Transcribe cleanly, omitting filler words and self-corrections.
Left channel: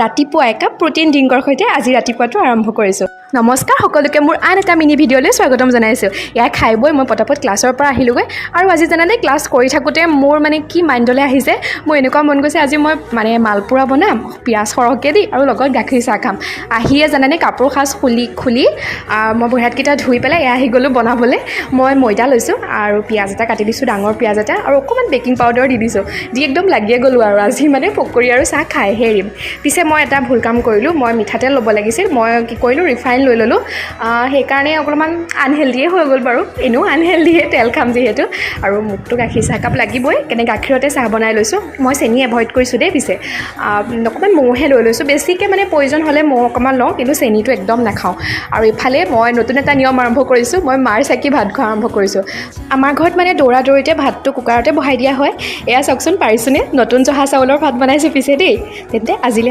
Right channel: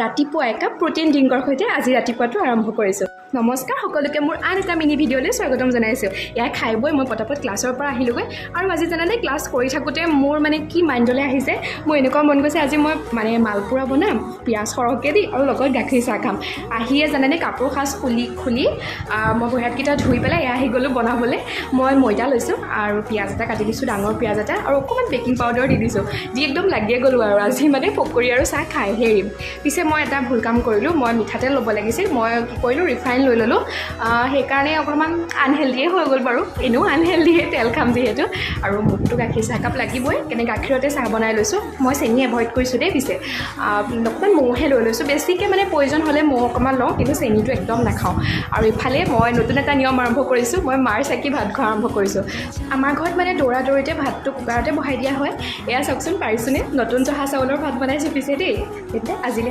ৰাতিপুৱা একাপ প্ৰটিন ড্ৰিংকৰ সৈতে আজি ৰাতিপুৱাটো আৰম্ভ কৰিছোঁ। নমস্কাৰ সকলোকে, মোৰ আন এটা মিনি ভিডিঅ'লৈ স্বাগতম জনাইছোঁ। এয়া খাই বৈ মই পটাপট ক্লাছৰ পৰা আহিলোগৈ আৰু আজি জানানে ক্লাছ কৰি থাকোঁতে মোৰ কি মাইণ্ডলৈ আহিছে, মোৰ এনেকুৱা মন গৈছে আজি মই মালপোৰা বনাম, পিঁয়াজ সৰহকৈ দি আৰু লগত গাখীৰ চাহ খাম। আহিয়ে জানানে কাপোৰ সাজ খুলি মই ভৰিহাতকেইটা ধুই পেলাই এয়া আহি গ'লোঁ বনাবলৈ। মই ময়দা লৈছোঁ আৰু পিঁয়াজ এটা কাটি দিছোঁ, ডাঙৰ পিঁয়াজ এটা, আৰু অকণমান বেকিং পাউডাৰ দি দিছোঁ, দি একদম লাগিয়ে গ'লোঁ আৰু আজি পকৰি আৰু চাহ খাইহে এৰিম। পিছে মই এটা ভুল কাম কৰিলোঁ, মই মিঠাতেল ল'ব লাগিছিল, মই কি কৰিলোঁ ৰিফাইন লৈ ল'লোঁ। সেইকাৰণে অকণমান আনহেল্ডিয়ে হৈ গ'ল বাৰু, এনেও আনহেল্ডিয়ে তেল খাম যিহেতু। আৰু মোকতো গাখীৰ চাহকাপ লাগিবই, কেনে গাখীৰতে চাহ বনাই লৈছোঁ। মই চেনি এভইড কৰিছোঁ দেই। পিছে অকণমান মৌহে লৈ লৈছোঁ, বেছিকৈ প্ৰয়োজন হ'লে মৌ অকণমান লওঁ, কিন্তু চেনিটো একদম নাখাওঁ। আৰু ইফালে মই নতুন এটা নিয়ম আৰম্ভ কৰিছোঁ, মই মাৰ চাকি ভাত খোৱা আৰম্ভ কৰিছোঁ। আমাৰ ঘৰত দৌৰা দৌৰিতে ভাতটো কুকাৰতে বহাই দিয়া হয়। এয়া চাওকচোন পাৰিছোঁনে, নতুন জহা চাউলৰ ভাত বনাইছোঁ পিছে দেই। তেন্তে আজিলৈ